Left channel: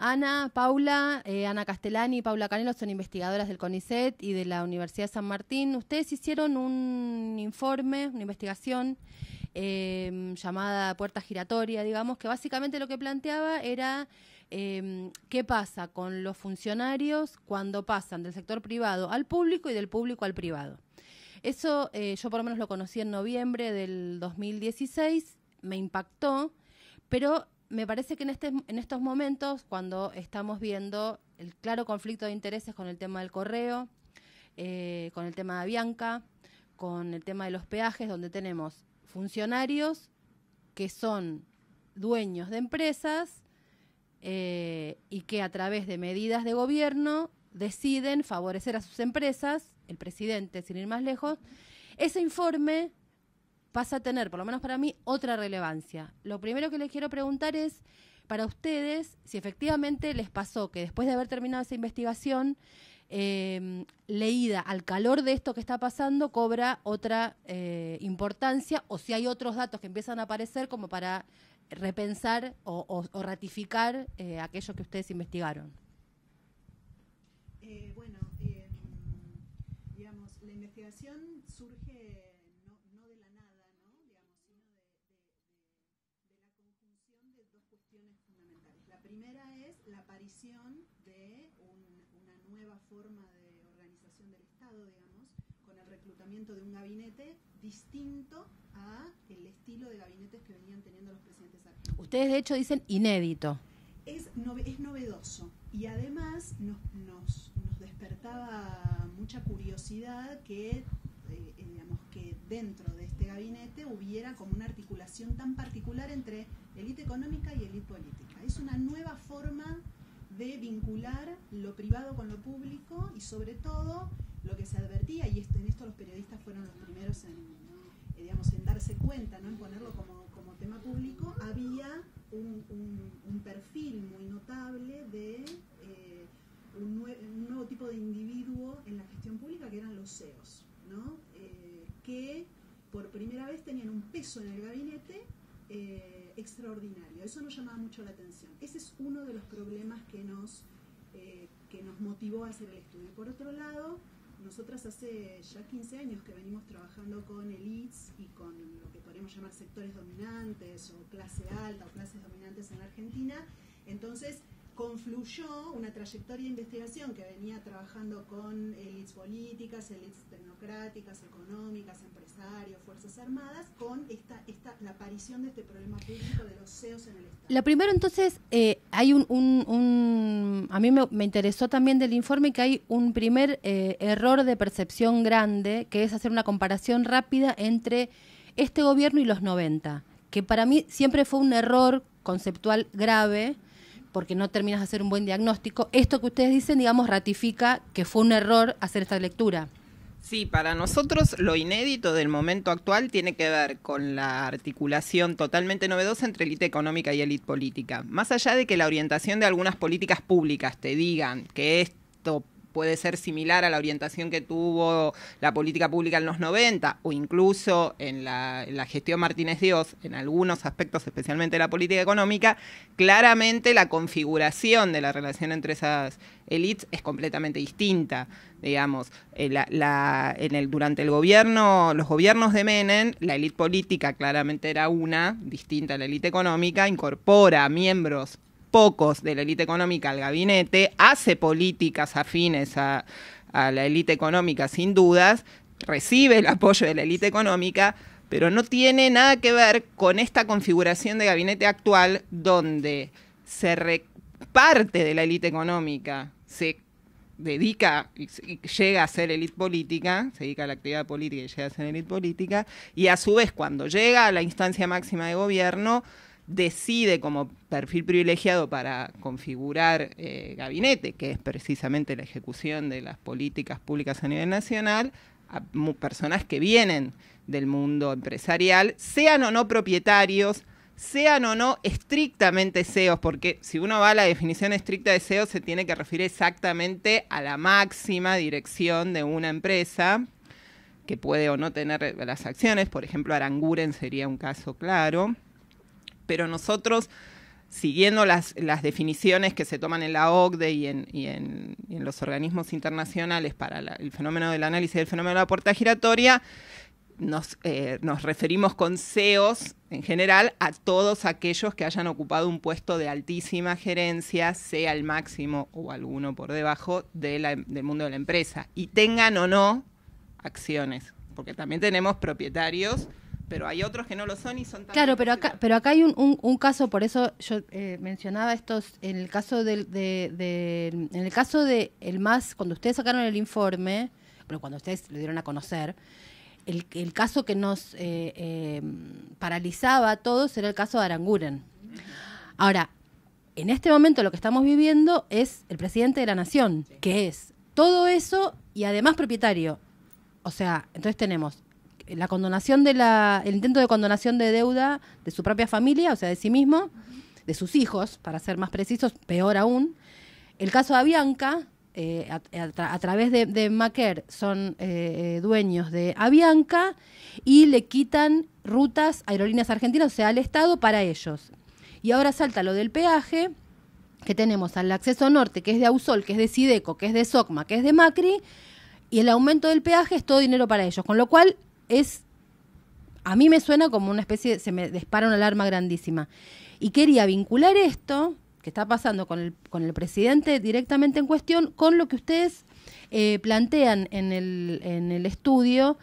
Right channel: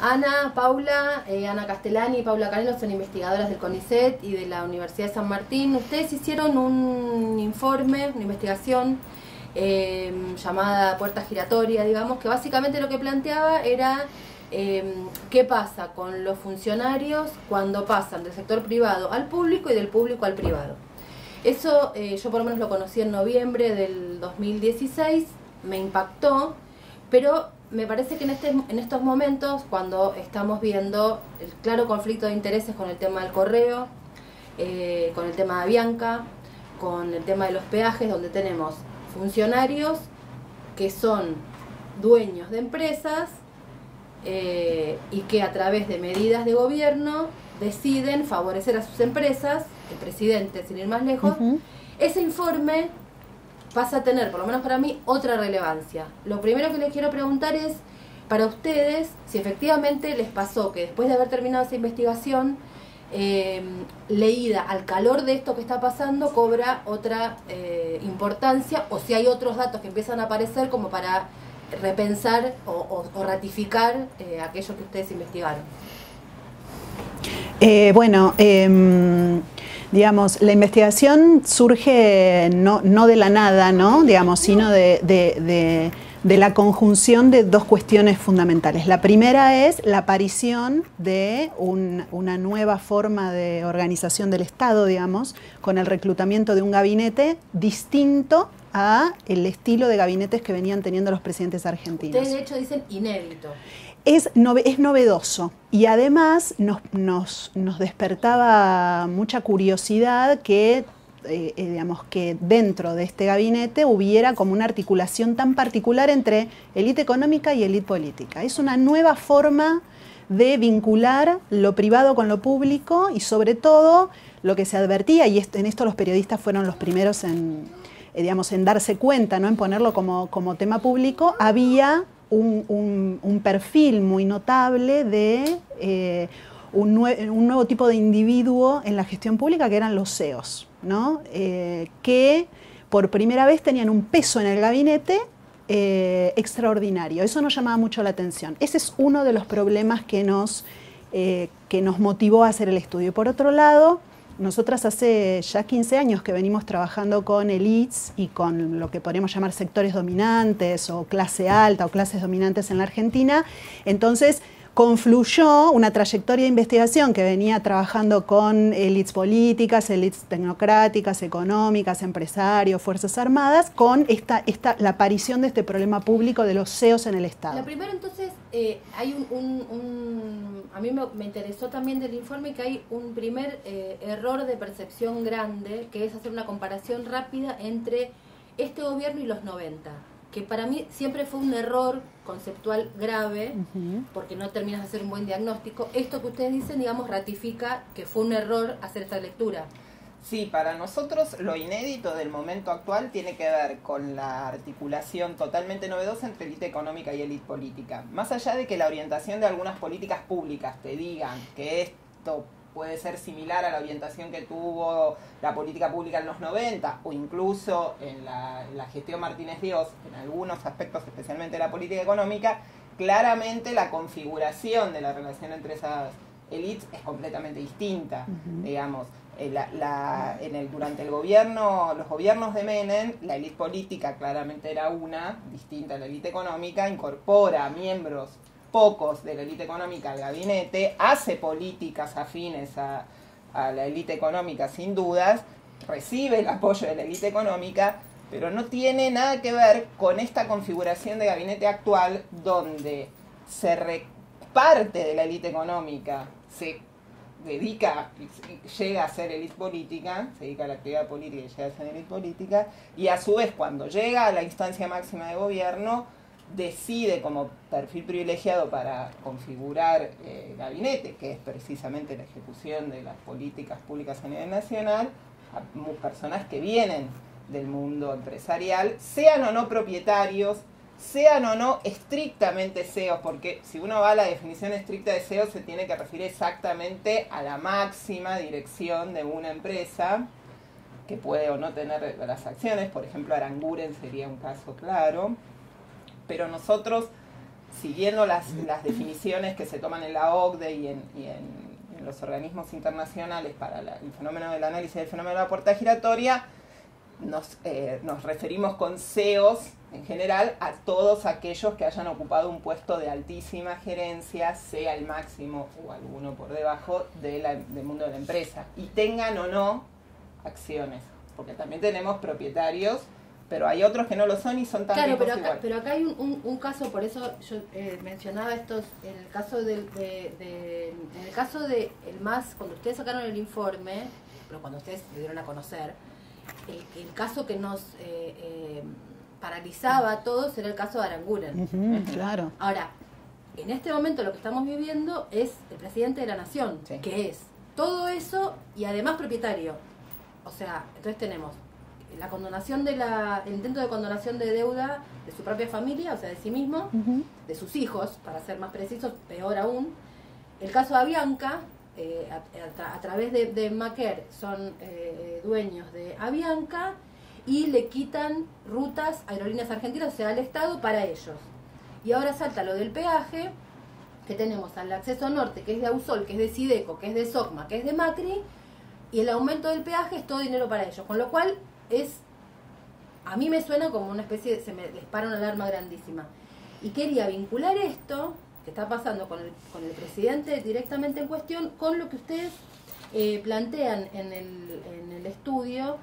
Ana, Paula, Ana Castellani y Paula Canelo son investigadoras del CONICET y de la Universidad de San Martín. Ustedes hicieron un informe, una investigación llamada Puerta Giratoria, digamos, que básicamente lo que planteaba era qué pasa con los funcionarios cuando pasan del sector privado al público y del público al privado. Eso yo por lo menos lo conocí en noviembre del 2016, me impactó, pero me parece que en estos momentos, cuando estamos viendo el claro conflicto de intereses con el tema del correo, con el tema de Avianca, con el tema de los peajes, donde tenemos funcionarios que son dueños de empresas y que a través de medidas de gobierno deciden favorecer a sus empresas, el presidente, sin ir más lejos, ese informe pasa a tener, por lo menos para mí, otra relevancia. Lo primero que les quiero preguntar es, para ustedes, si efectivamente les pasó que después de haber terminado esa investigación, leída al calor de esto que está pasando, cobra otra importancia, o si hay otros datos que empiezan a aparecer como para repensar o ratificar aquello que ustedes investigaron. Digamos, la investigación surge no de la nada, ¿no? Digamos, sino de la conjunción de dos cuestiones fundamentales. La primera es la aparición de una nueva forma de organización del Estado, digamos, con el reclutamiento de un gabinete distinto a el estilo de gabinetes que venían teniendo los presidentes argentinos. Ustedes de hecho dicen inédito. Es novedoso y además nos despertaba mucha curiosidad que, digamos, que dentro de este gabinete hubiera como una articulación tan particular entre élite económica y élite política. Es una nueva forma de vincular lo privado con lo público y sobre todo lo que se advertía, y en esto los periodistas fueron los primeros digamos, en darse cuenta, ¿no? En ponerlo como tema público, había un perfil muy notable de un nuevo tipo de individuo en la gestión pública, que eran los CEOs, ¿no? Que por primera vez tenían un peso en el gabinete extraordinario. Eso nos llamaba mucho la atención. Ese es uno de los problemas que nos motivó a hacer el estudio. Y por otro lado, nosotras hace ya 15 años que venimos trabajando con elites y con lo que podríamos llamar sectores dominantes o clase alta o clases dominantes en la Argentina. Entonces confluyó una trayectoria de investigación que venía trabajando con élites políticas, élites tecnocráticas, económicas, empresarios, fuerzas armadas, con la aparición de este problema público de los CEOs en el Estado. Lo primero, entonces, hay a mí me interesó también del informe que hay un primer error de percepción grande, que es hacer una comparación rápida entre este gobierno y los 90, que para mí siempre fue un error conceptual grave, porque no terminas de hacer un buen diagnóstico. Esto que ustedes dicen, digamos, ratifica que fue un error hacer esta lectura. Sí, para nosotros lo inédito del momento actual tiene que ver con la articulación totalmente novedosa entre élite económica y élite política. Más allá de que la orientación de algunas políticas públicas te digan que esto puede ser similar a la orientación que tuvo la política pública en los 90 o incluso en la gestión Martínez Dios, en algunos aspectos, especialmente la política económica, claramente la configuración de la relación entre esas élites es completamente distinta, digamos. Durante los gobiernos de Menem, la élite política claramente era distinta a la élite económica, incorpora miembros pocos de la élite económica al gabinete, hace políticas afines a la élite económica sin dudas, recibe el apoyo de la élite económica, pero no tiene nada que ver con esta configuración de gabinete actual donde parte de la élite económica se dedica y llega a ser élite política, se dedica a la actividad política y llega a ser élite política, y a su vez cuando llega a la instancia máxima de gobierno decide como perfil privilegiado para configurar gabinete, que es precisamente la ejecución de las políticas públicas a nivel nacional, a personas que vienen del mundo empresarial, sean o no propietarios, sean o no estrictamente CEOs, porque si uno va a la definición estricta de CEO se tiene que referir exactamente a la máxima dirección de una empresa, que puede o no tener las acciones. Por ejemplo, Aranguren sería un caso claro. Pero nosotros siguiendo las definiciones que se toman en la OCDE y en los organismos internacionales para el fenómeno del análisis del fenómeno de la puerta giratoria, nos referimos con CEOs en general a todos aquellos que hayan ocupado un puesto de altísima gerencia, sea el máximo o alguno por debajo del mundo de la empresa, y tengan o no acciones, porque también tenemos propietarios, pero hay otros que no lo son y son tan claro, ricos pero acá hay un caso, por eso yo mencionaba estos, en el caso en el caso de el MAS, cuando ustedes sacaron el informe, pero cuando ustedes le dieron a conocer, el caso que nos paralizaba a todos era el caso de Aranguren. Claro. Ahora, en este momento lo que estamos viviendo es el presidente de la nación, sí, que es todo eso y además propietario. O sea, entonces tenemos la condonación el intento de condonación de deuda de su propia familia, o sea, de sí mismo, de sus hijos, para ser más precisos, peor aún. El caso de Avianca, a través de Maquer, son dueños de Avianca y le quitan rutas a Aerolíneas Argentinas, o sea, al Estado para ellos. Y ahora salta lo del peaje, que tenemos al acceso norte, que es de Ausol, que es de Sideco, que es de SOCMA, que es de Macri, y el aumento del peaje es todo dinero para ellos, con lo cual a mí me suena como una especie se me dispara una alarma grandísima. Y quería vincular esto que está pasando con el presidente directamente en cuestión con lo que ustedes plantean en el estudio,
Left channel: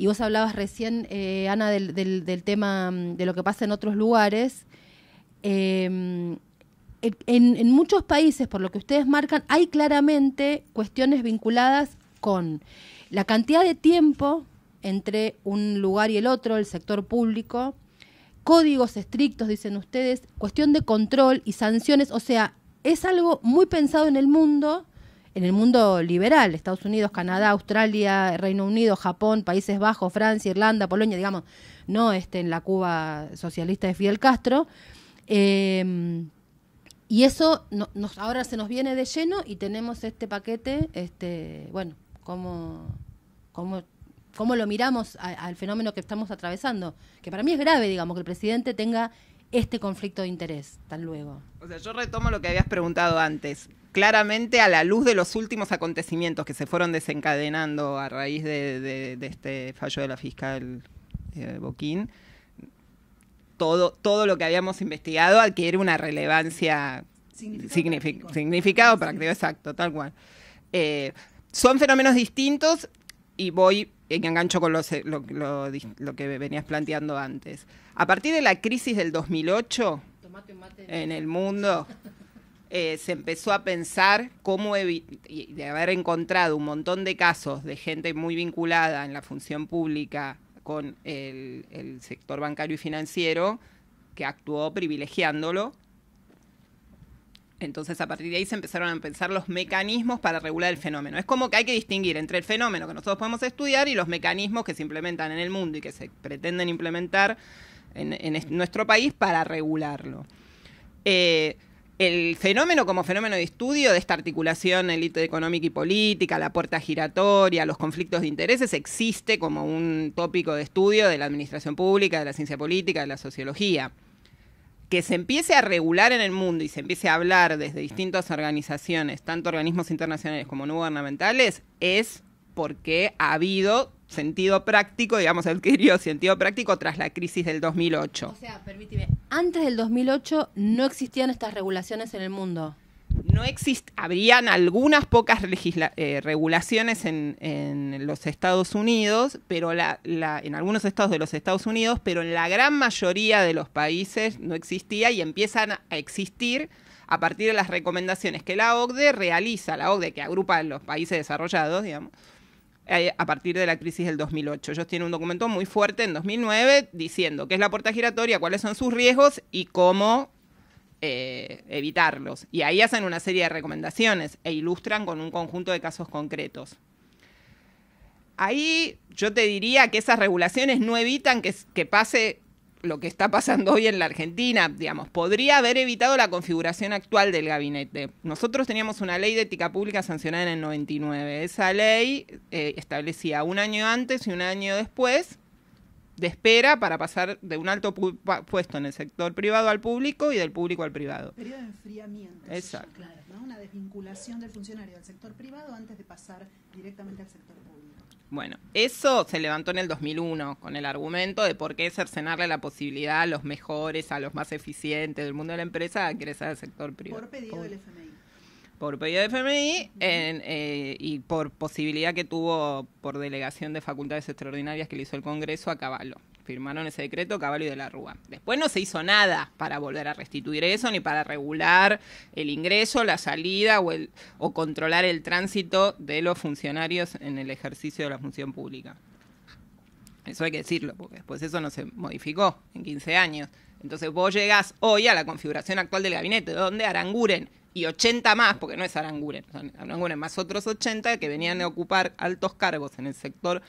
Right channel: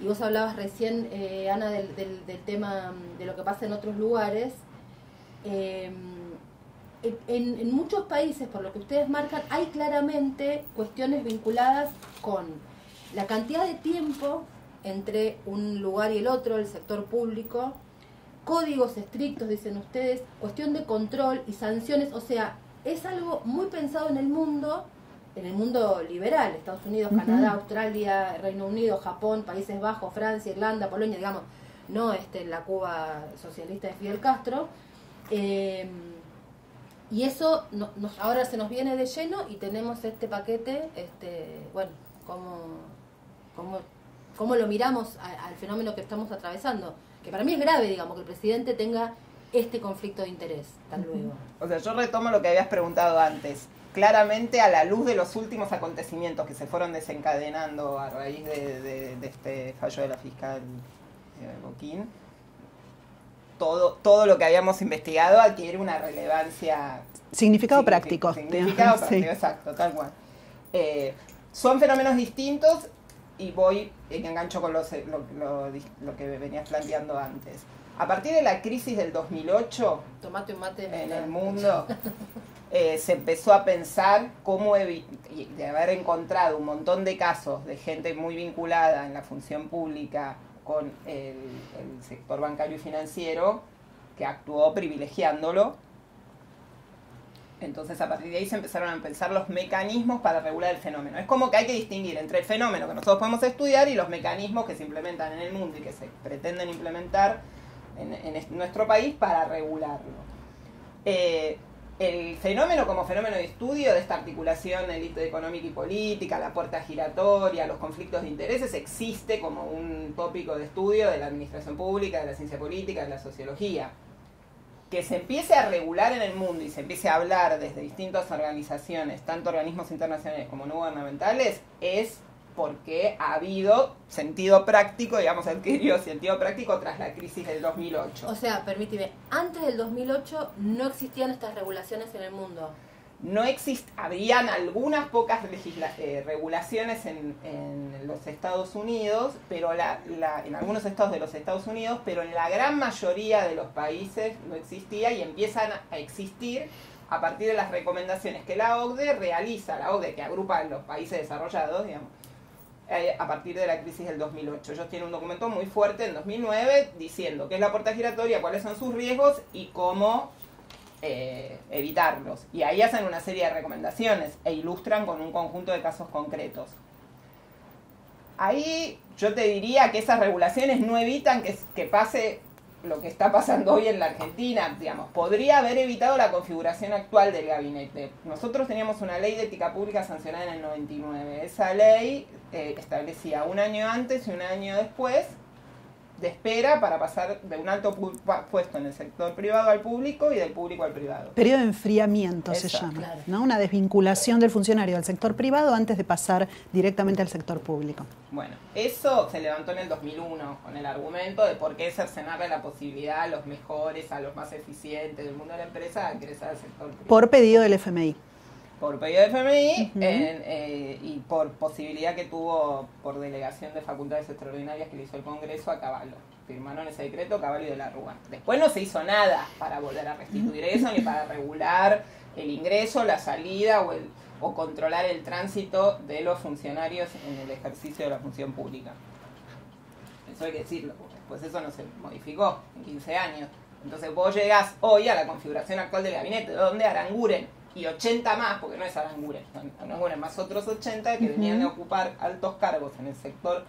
y vos hablabas recién, Ana, del tema de lo que pasa en otros lugares. En muchos países, por lo que ustedes marcan, hay claramente cuestiones vinculadas con la cantidad de tiempo entre un lugar y el otro, el sector público, códigos estrictos, dicen ustedes, cuestión de control y sanciones. O sea, es algo muy pensado en el mundo liberal, Estados Unidos, Canadá, Australia, Reino Unido, Japón, Países Bajos, Francia, Irlanda, Polonia, digamos, no en la Cuba socialista de Fidel Castro. Y eso ahora se nos viene de lleno y tenemos este paquete, bueno, ¿cómo lo miramos al fenómeno que estamos atravesando? Que para mí es grave, digamos, que el presidente tenga este conflicto de interés, tan luego. O sea, yo retomo lo que habías preguntado antes. Claramente, a la luz de los últimos acontecimientos que se fueron desencadenando a raíz de este fallo de la fiscal Boquín, todo lo que habíamos investigado adquiere una relevancia... Significado práctico. Significado práctico, sí. Exacto, tal cual. Son fenómenos distintos y engancho con lo que venías planteando antes. A partir de la crisis del 2008, tomate un mate en el mundo, se empezó a pensar cómo de haber encontrado un montón de casos de gente muy vinculada en la función pública con el sector bancario y financiero, que actuó privilegiándolo. Entonces, a partir de ahí se empezaron a pensar los mecanismos para regular el fenómeno. Es como que hay que distinguir entre el fenómeno que nosotros podemos estudiar y los mecanismos que se implementan en el mundo y que se pretenden implementar en nuestro país para regularlo. El fenómeno como fenómeno de estudio de esta articulación élite económica y política, la puerta giratoria, los conflictos de intereses, existe como un tópico de estudio de la administración pública, de la ciencia política, de la sociología. Que se empiece a regular en el mundo y se empiece a hablar desde distintas organizaciones, tanto organismos internacionales como no gubernamentales, es porque ha habido sentido práctico, digamos, adquirido sentido práctico tras la crisis del 2008. O sea, permíteme, antes del 2008 no existían estas regulaciones en el mundo. Habrían algunas pocas regulaciones en los Estados Unidos, pero en algunos estados de los Estados Unidos, pero en la gran mayoría de los países no existía y empiezan a existir a partir de las recomendaciones que la OCDE realiza, la OCDE que agrupa a los países desarrollados, digamos, a partir de la crisis del 2008. Ellos tienen un documento muy fuerte en 2009 diciendo qué es la puerta giratoria, cuáles son sus riesgos y cómo evitarlos. Y ahí hacen una serie de recomendaciones e ilustran con un conjunto de casos concretos. Ahí yo te diría que esas regulaciones no evitan que pase lo que está pasando hoy en la Argentina. Digamos, podría haber evitado la configuración actual del gabinete. Nosotros teníamos una ley de ética pública sancionada en el 99. Esa ley establecía un año antes y un año después de espera para pasar de un alto puesto en el sector privado al público y del público al privado. Periodo de enfriamiento se llama, claro. ¿no? Una desvinculación del funcionario del sector privado antes de pasar directamente al sector público. Bueno, eso se levantó en el 2001 con el argumento de por qué cercenarle la posibilidad a los mejores, a los más eficientes del mundo de la empresa a ingresar al sector privado. Por pedido del FMI. Por pedido del FMI y por posibilidad que tuvo por delegación de facultades extraordinarias que le hizo el Congreso a Cavallo. Firmaron ese decreto Cavallo y de la Rúa. Después no se hizo nada para volver a restituir eso, ni para regular el ingreso, la salida o controlar el tránsito de los funcionarios en el ejercicio de la función pública. Eso hay que decirlo, porque después eso no se modificó en 15 años. Entonces vos llegás hoy a la configuración actual del gabinete, donde Aranguren y 80 más, porque no es Aranguren más otros 80 que venían a ocupar altos cargos en el sector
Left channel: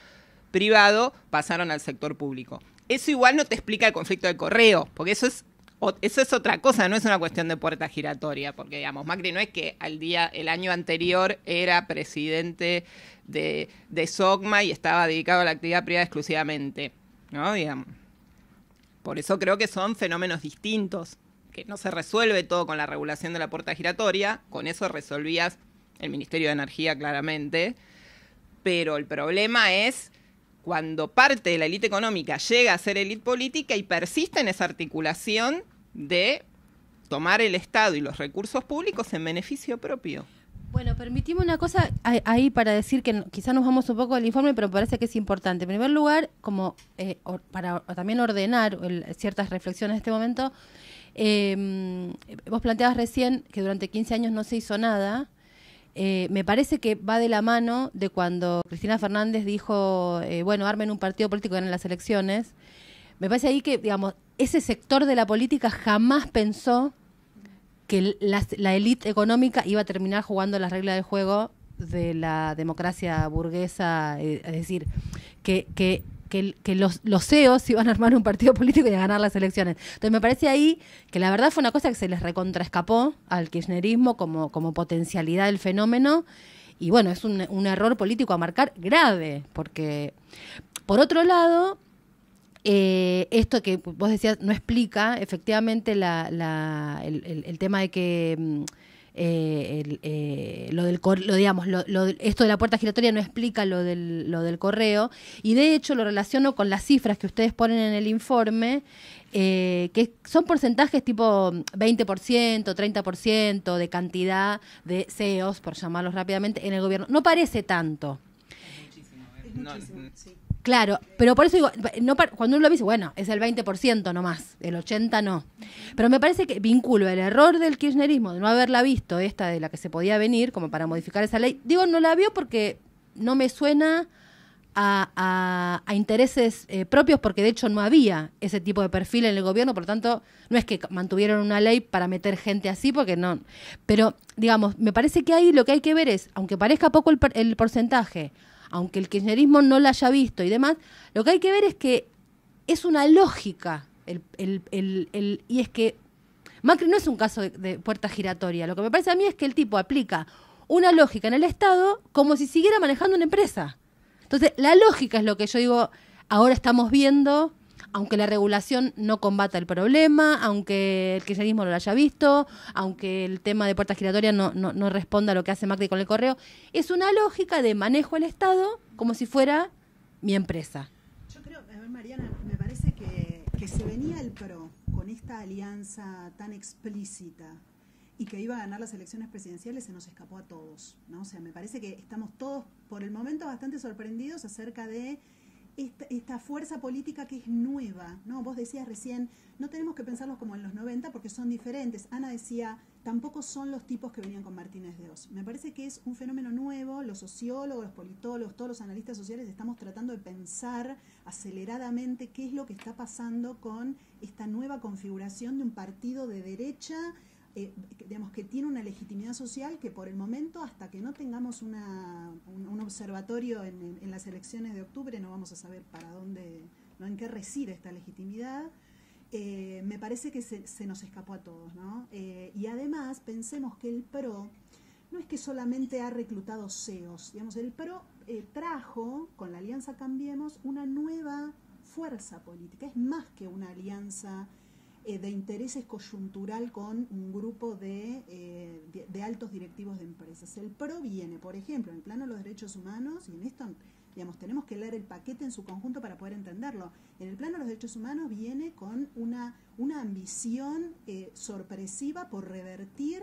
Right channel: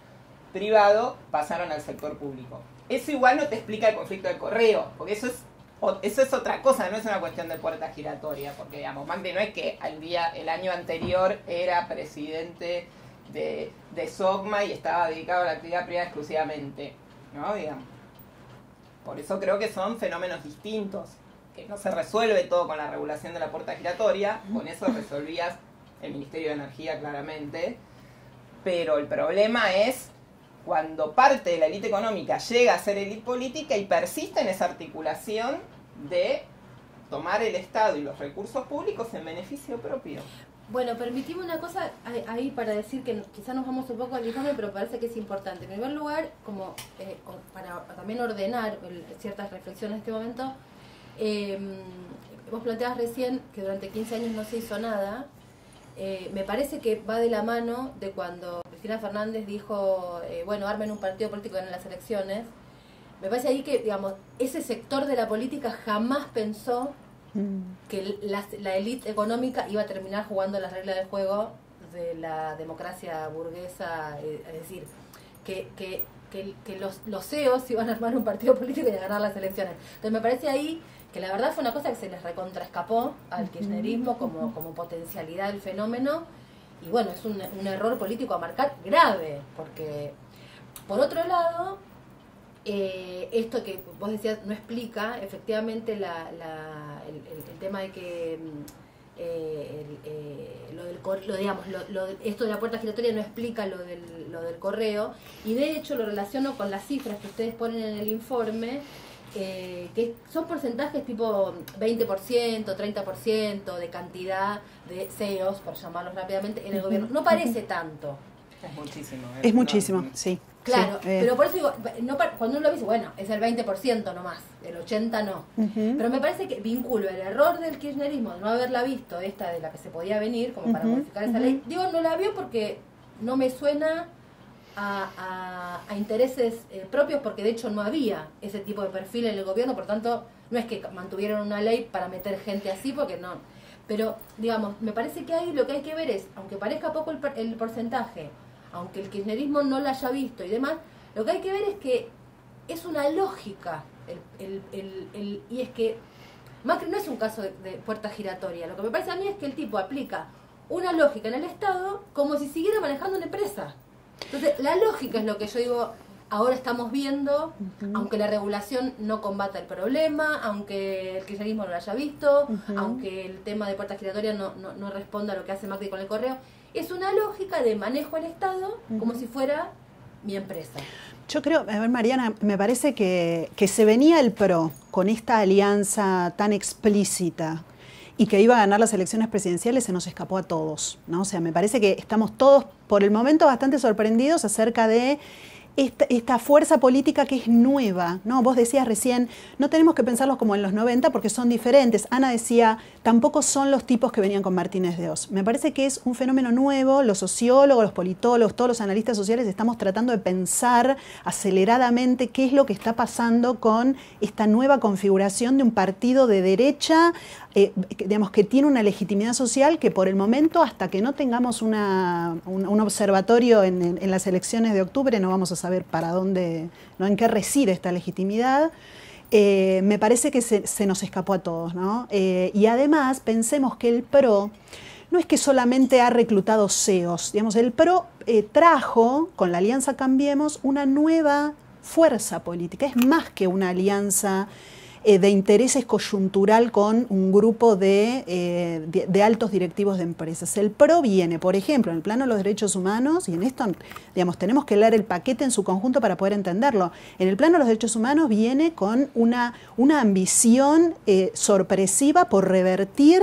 privado, pasaron al sector público. Eso igual no te explica el conflicto del correo, porque eso es otra cosa, no es una cuestión de puerta giratoria, porque digamos, Macri no es que el año anterior era presidente de SOCMA y estaba dedicado a la actividad privada exclusivamente, ¿no? Digamos. Por eso creo que son fenómenos distintos, que no se resuelve todo con la regulación de la puerta giratoria, con eso resolvías el Ministerio de Energía claramente, pero el problema es cuando parte de la élite económica llega a ser élite política y persiste en esa articulación de tomar el Estado y los recursos públicos en beneficio propio. Bueno, permitime una cosa ahí para decir que quizás nos vamos un poco del informe, pero me parece que es importante. En primer lugar, como para también ordenar ciertas reflexiones en este momento, vos planteabas recién que durante 15 años no se hizo nada. Me parece que va de la mano de cuando Cristina Fernández dijo, bueno, armen un partido político en las elecciones. Me parece ahí que, digamos, ese sector de la política jamás pensó que la élite económica iba a terminar jugando las reglas del juego de la democracia burguesa, es decir, que los CEOs iban a armar un partido político y a ganar las elecciones. Entonces me parece ahí que la verdad fue una cosa que se les recontraescapó al kirchnerismo como potencialidad del fenómeno, y bueno, es un error político a marcar grave, porque por otro lado, esto que vos decías no explica efectivamente el tema de que esto de la puerta giratoria no explica lo del correo, y de hecho lo relaciono con las cifras que ustedes ponen en el informe, que son porcentajes tipo 20%, 30% de cantidad de CEOs, por llamarlos rápidamente, en el gobierno. No parece tanto. Es muchísimo. Es muchísimo, sí. Claro, sí, pero por eso digo, cuando uno lo dice, bueno, es el 20% nomás, el 80% no. Pero me parece que vinculo el error del kirchnerismo de no haberla visto, esta de la que se podía venir, como para modificar esa ley. Digo, no la vio porque no me suena a intereses propios, porque de hecho no había ese tipo de perfil en el gobierno, por lo tanto no es que mantuvieron una ley para meter gente así, porque no. Pero, digamos, me parece que ahí lo que hay que ver es, aunque parezca poco el porcentaje, aunque el kirchnerismo no la haya visto y demás, lo que hay que ver es que es una lógica, y es que Macri no es un caso de puerta giratoria. Lo que me parece a mí es que el tipo aplica una lógica en el Estado como si siguiera manejando una empresa. Entonces, la lógica es lo que yo digo, ahora estamos viendo, aunque la regulación no combata el problema, aunque el kirchnerismo no lo haya visto, aunque el tema de puerta giratoria no responda a lo que hace Macri con el correo, es una lógica de manejo del Estado como si fuera mi empresa. Yo creo, a ver, Mariana, me parece que se venía el PRO con esta alianza tan explícita y que iba a ganar las elecciones presidenciales, se nos escapó a todos, ¿no? O sea, me parece que estamos todos, por el momento, bastante sorprendidos acerca de esta fuerza política que es nueva, ¿no? Vos decías recién, no tenemos que pensarlos como en los 90 porque son diferentes. Ana decía, tampoco son los tipos que venían con Martínez de Oz. Me parece que es un fenómeno nuevo, los sociólogos, los politólogos, todos los analistas sociales estamos tratando de pensar aceleradamente qué es lo que está pasando con esta nueva configuración de un partido de derecha, digamos, que tiene una legitimidad social que por el momento, hasta que no tengamos un observatorio en las elecciones de octubre, no vamos a saber para dónde, ¿no? En qué reside esta legitimidad. Me parece que se nos escapó a todos, ¿no? Y además pensemos que el PRO no es que solamente ha reclutado CEOs, digamos, el PRO trajo con la Alianza Cambiemos una nueva fuerza política, es más que una alianza de intereses coyuntural con un grupo de altos directivos de empresas. El PRO viene, por ejemplo, en el plano de los derechos humanos, y en esto, digamos, tenemos que leer el paquete en su conjunto para poder entenderlo. En el plano de los derechos humanos viene con una ambición sorpresiva por revertir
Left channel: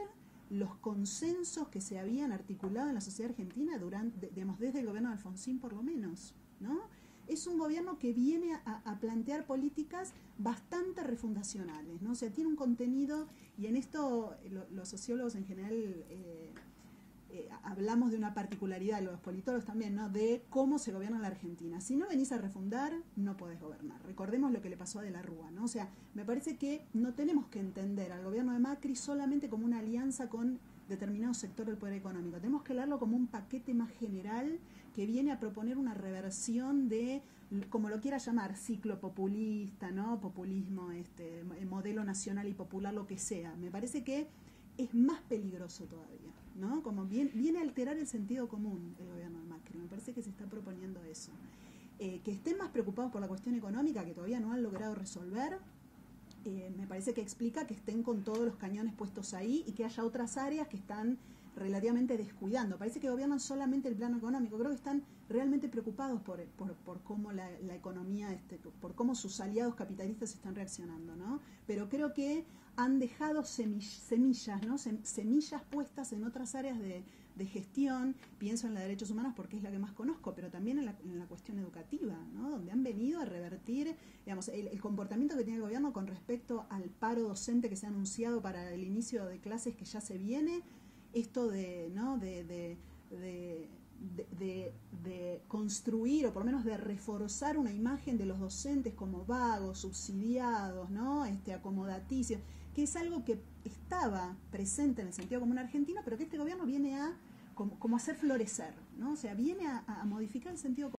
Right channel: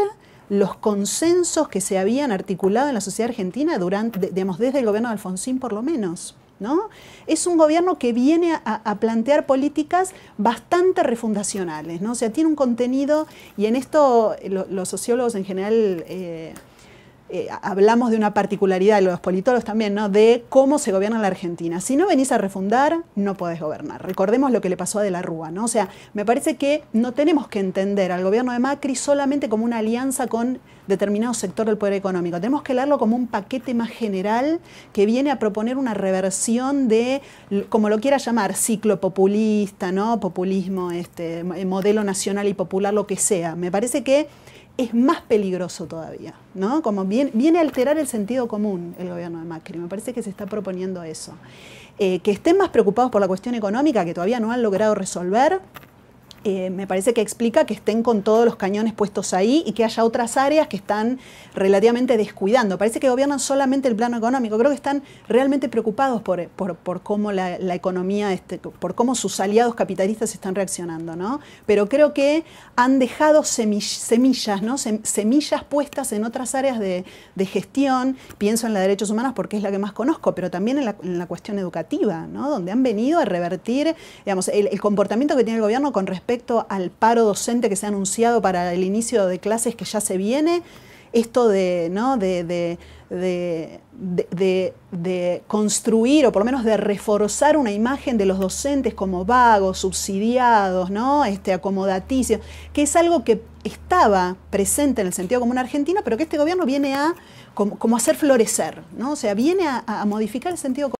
los consensos que se habían articulado en la sociedad argentina digamos, desde el gobierno de Alfonsín por lo menos, ¿no? Es un gobierno que viene a plantear políticas bastante refundacionales, ¿no? O sea, tiene un contenido, y en esto los sociólogos en general hablamos de una particularidad, los politólogos también, ¿no? De cómo se gobierna la Argentina. Si no venís a refundar, no podés gobernar. Recordemos lo que le pasó a De la Rúa, ¿no? O sea, me parece que no tenemos que entender al gobierno de Macri solamente como una alianza con determinado sector del poder económico. Tenemos que leerlo como un paquete más general que viene a proponer una reversión de, como lo quiera llamar, ciclo populista, ¿no? Populismo, modelo nacional y popular, lo que sea. Me parece que es más peligroso todavía, ¿no? Como viene a alterar el sentido común el gobierno de Macri. Me parece que se está proponiendo eso. Que estén más preocupados por la cuestión económica, que todavía no han logrado resolver, me parece que explica que estén con todos los cañones puestos ahí y que haya otras áreas que están relativamente descuidando. Parece que gobiernan solamente el plano económico. Creo que están realmente preocupados por cómo la economía, por cómo sus aliados capitalistas están reaccionando, ¿no? Pero creo que han dejado semillas, ¿no? Semillas puestas en otras áreas de gestión. Pienso en la de derechos humanos porque es la que más conozco, pero también en la cuestión educativa, ¿no? Donde han venido a revertir, digamos, el comportamiento que tiene el gobierno con respecto al paro docente que se ha anunciado para el inicio de clases que ya se viene. Esto ¿no? de construir, o por lo menos de reforzar una imagen de los docentes como vagos, subsidiados, ¿no? Acomodaticios, que es algo que estaba presente en el sentido común argentino, pero que este gobierno viene a como hacer florecer, ¿no? O sea, viene a modificar el sentido común.